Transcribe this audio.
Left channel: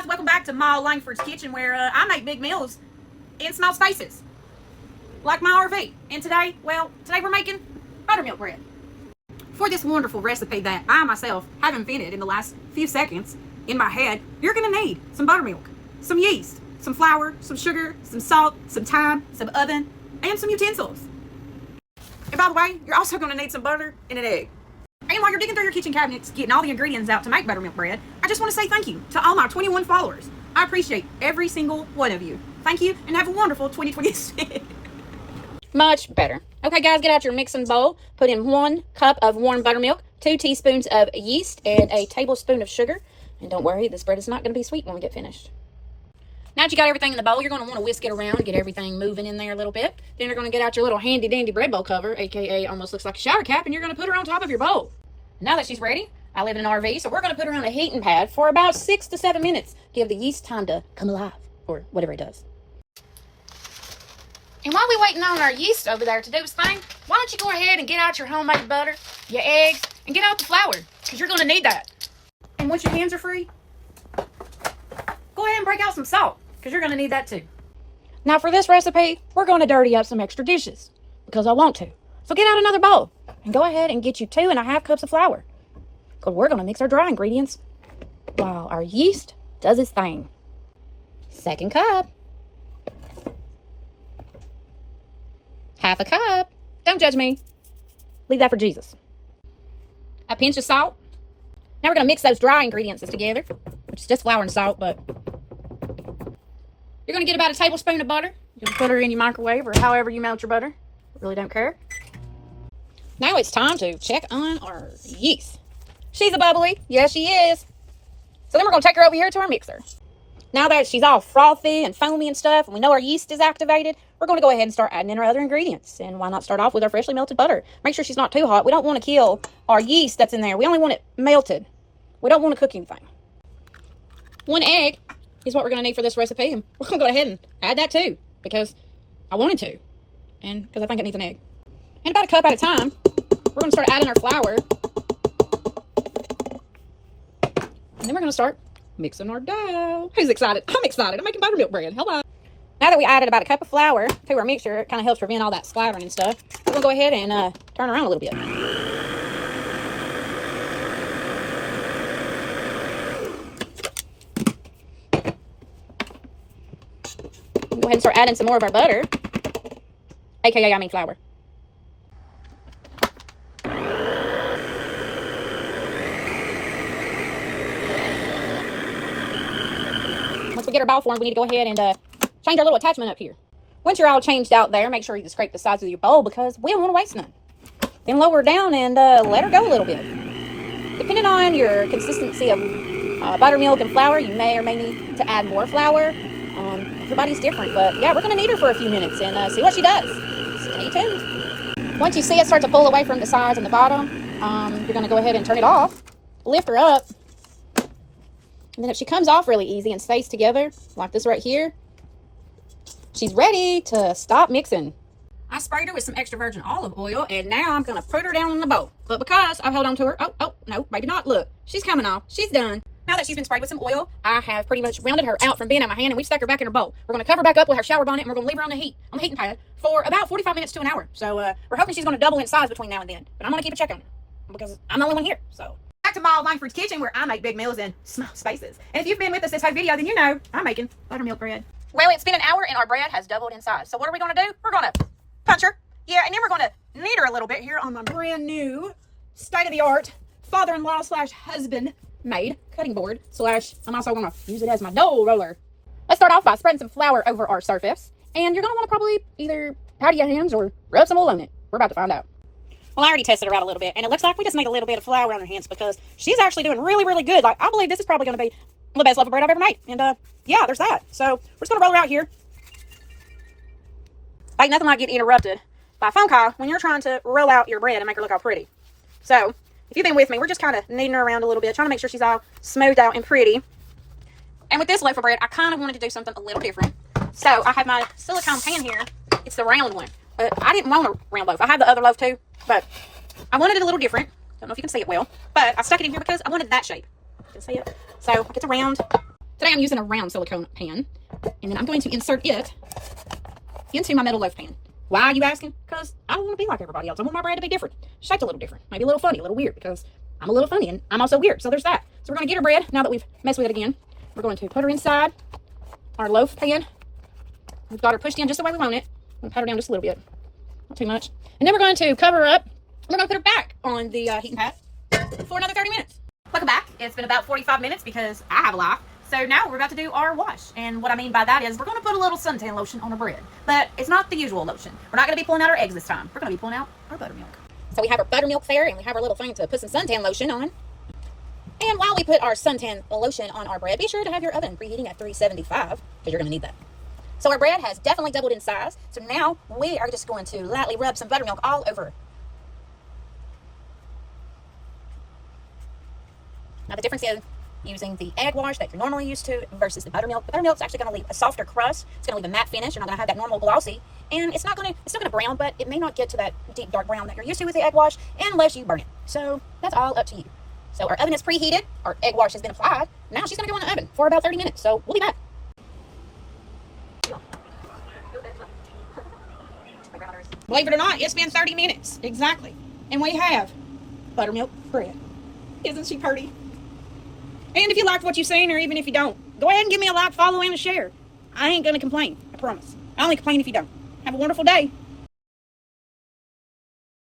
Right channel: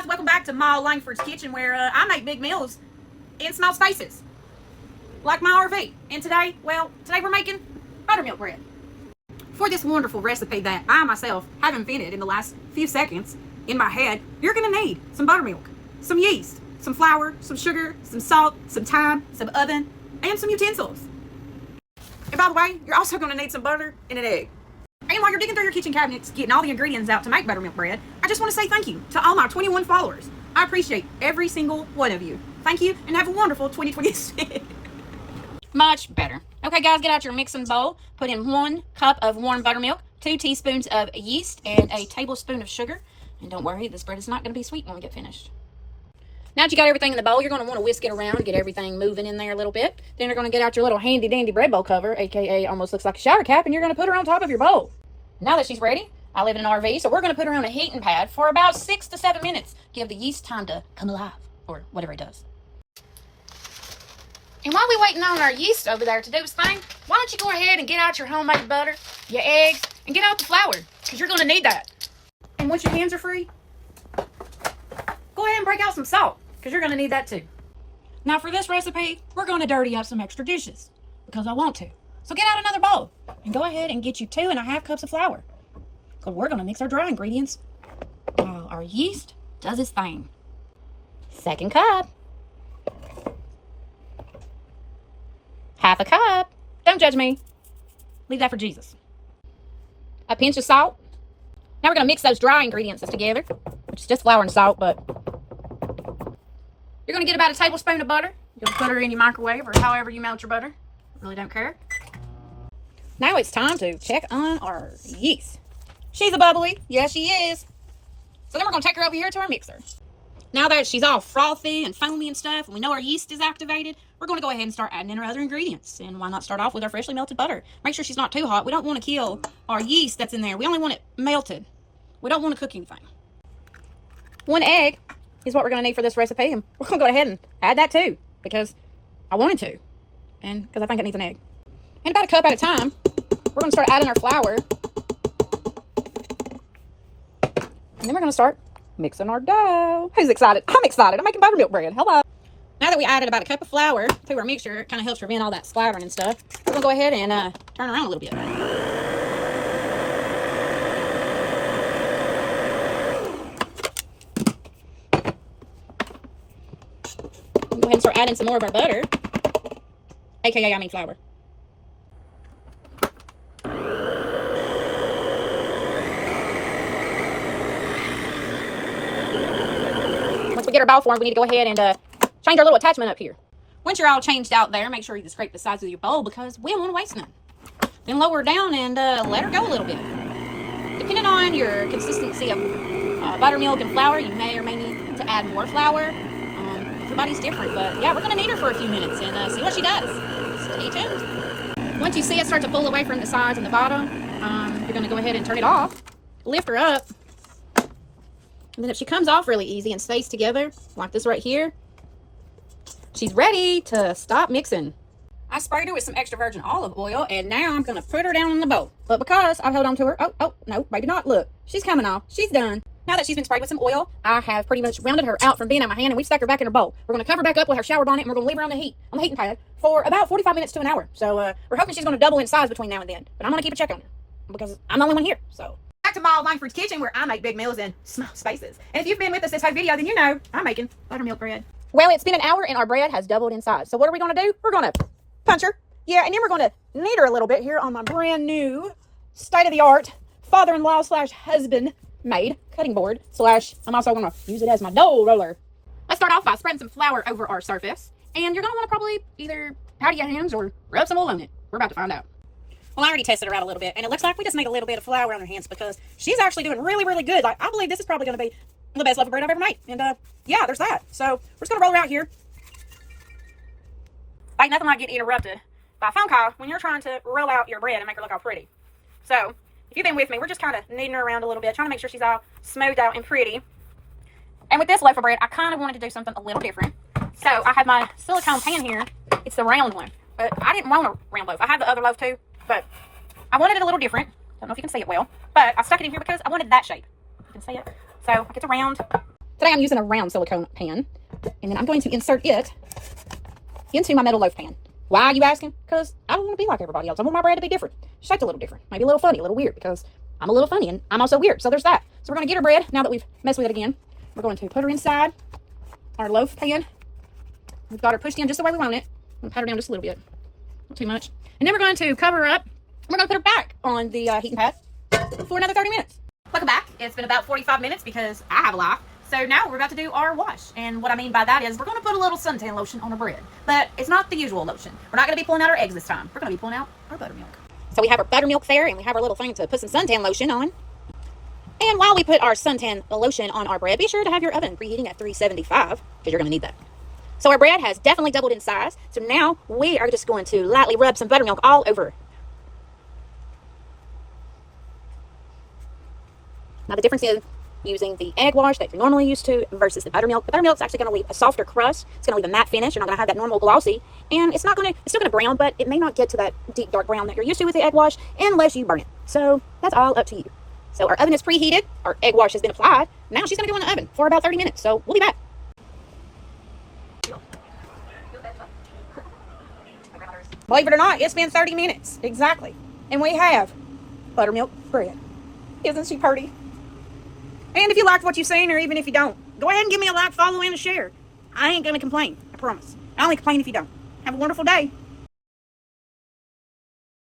guys, welcome back to my Lankford's kitchen, where I make big meals in small spaces, like my RV. And today we're making buttermilk bread. For this wonderful recipe that I myself have invented in the last few seconds in my head, you're gonna need some buttermilk, some yeast, some flour, some sugar, some salt, some thyme, some oven, and some utensils. And by the way, you're also gonna need some butter and an egg. And while you're digging through your kitchen cabinets, getting all the ingredients out to make buttermilk bread, I just want to say thank you to all my 21 followers. I appreciate every single one of you. Thank you, and have a wonderful 2026. Much better. Okay, guys, get out your mixing bowl. Put in 1 cup of warm buttermilk, 2 teaspoons of yeast, and a tablespoon of sugar. And don't worry, this bread is not going to be sweet when we get finished. Now that you got everything in the bowl, you're going to want to whisk it around and get everything moving in there a little bit. Then you're going to get out your little handy-dandy bread bowl cover, aka almost looks like a shower cap, and you're going to put her on top of your bowl. Now that she's ready, I live in an RV, so we're going to put her on a heating pad for about 6 to 7 minutes. Give the yeast time to come alive, or whatever it does. And while we're waiting on our yeast over there to do its thing, why don't you go ahead and get out your homemade butter, your eggs, and get out the flour, because you're going to need that. And once your hands are free, go ahead and break out some salt, because you're going to need that too. Now for this recipe, we're going to dirty up some extra dishes, because I want to. So get out another bowl, and go ahead and get you 2.5 cups of flour. Because we're going to mix our dry ingredients while our yeast does its thing. 2nd cup. 1/2 cup. Don't judge me. Leave that for Jesus. A pinch of salt. Now we're going to mix those dry ingredients together, which is just flour and salt, but you're going to get about a tablespoon of butter. You can put her in your microwave or however you melt your butter. I really don't care. Now it's time to check on our yeast. She's a bubbly. Yes, she is. So then we're going to take her over here to our mixer. Now that she's all frothy and foamy and stuff, and we know our yeast is activated, we're going to go ahead and start adding in our other ingredients. And why not start off with our freshly melted butter? Make sure she's not too hot. We don't want to kill our yeast that's in there. We only want it melted. We don't want to cook anything. 1 egg is what we're going to need for this recipe. And we're going to go ahead and add that too, because I wanted to. And because I think it needs an egg. And about a cup at a time, we're going to start adding our flour. And then we're going to start mixing our dough. Who's excited? I'm excited. I'm making buttermilk bread. Hello. Now that we added about a cup of flour to our mixture, it kind of helps prevent all that splattering and stuff. We're going to go ahead and turn around a little bit. We'll go ahead and start adding some more of our butter. AKA, I mean flour. Once we get our bowl formed, we need to go ahead and change our little attachment up here. Once you're all changed out there, make sure you scrape the sides of your bowl because we don't want to waste none. Then lower her down and let her go a little bit. Depending on your consistency of buttermilk and flour, you may or may need to add more flour. Everybody's different, but yeah, we're going to knead her for a few minutes and see what she does. Stay tuned. Once you see it start to pull away from the sides and the bottom, you're going to go ahead and turn it off. Lift her up. And then if she comes off really easy and stays together, like this right here, she's ready to stop mixing. I sprayed her with some extra virgin olive oil, and now I'm going to put her down in the bowl. But because I've held on to her, oh, no, maybe not. Look, she's coming off. She's done. Now that she's been sprayed with some oil, I have pretty much rounded her out from being in my hand, and we've stuck her back in her bowl. We're going to cover back up with her shower bonnet, and we're going to leave her on the heating pad for about 45 minutes to an hour. So we're hoping she's going to double in size between now and then. But I'm going to keep a check on her because I'm the only one here. So back to my Lankford's kitchen, where I make big meals in small spaces. And if you've been with us this whole video, then you know I'm making buttermilk bread. Well, it's been an hour, and our bread has doubled in size. So what are we going to do? We're going to punch her. Yeah, and then we're going to knead her a little bit here on my brand new state-of-the-art father-in-law / husband made cutting board / I'm also going to use it as my dough roller. Let's start off by spreading some flour over our surface. And you're going to want to probably either powder your hands or rub some oil on it. We're about to find out. Well, I already tested her out a little bit, and it looks like we just need a little bit of flour on her hands because she's actually doing really, really good. Like, I believe this is probably going to be the best loaf of bread I've ever made. And yeah, there's that. So we're just going to roll her out here. Ain't nothing like getting interrupted by a phone call when you're trying to roll out your bread and make her look all pretty. So if you've been with me, we're just kind of kneading her around a little bit, trying to make sure she's all smoothed out and pretty. And with this loaf of bread, I kind of wanted to do something a little different. So I have my silicone pan here. It's the round one. But I didn't want a round loaf. I had the other loaf too, but I wanted it a little different. Don't know if you can see it well, but I stuck it in here because I wanted that shape. You can see it. So it's a round Today I'm using a round silicone pan, and then I'm going to insert it into my metal loaf pan. Why are you asking? Because I don't want to be like everybody else. I want my bread to be different, shaped a little different, maybe a little funny, a little weird, because I'm a little funny and I'm also weird. So there's that. So we're going to get our bread, now that we've messed with it again. We're going to put her inside our loaf pan. We've got her pushed in just the way we want it. I'm going to pat her down just a little bit, not too much. And then we're going to cover her up. We're going to put her back on the heating pad for another 30 minutes. Welcome back. It's been about 45 minutes because I have a life. So now we're about to do our wash. And what I mean by that is we're going to put a little suntan lotion on our bread. But it's not the usual lotion. We're not going to be pulling out our eggs this time. We're going to be pulling out our buttermilk. So we have our buttermilk there, and we have our little thing to put some suntan lotion on. And while we put our suntan lotion on our bread, be sure to have your oven preheating at 375 because you're going to need that. So our bread has definitely doubled in size. So now we are just going to lightly rub some buttermilk all over. Now the difference is using the egg wash that you're normally used to versus the buttermilk. The buttermilk's actually going to leave a softer crust. It's going to leave a matte finish. You're not going to have that normal glossy. And it's still going to brown, but it may not get to that deep dark brown that you're used to with the egg wash unless you burn it. So that's all up to you. So our oven is preheated. Our egg wash has been applied. Now she's going to go in the oven for about 30 minutes. So we'll be back. Believe it or not, it's been 30 minutes. Exactly. And we have buttermilk bread. Isn't she pretty? And if you liked what you've seen, or even if you don't, go ahead and give me a like, follow, and a share. I ain't going to complain. I promise. I only complain if you don't. Have a wonderful day.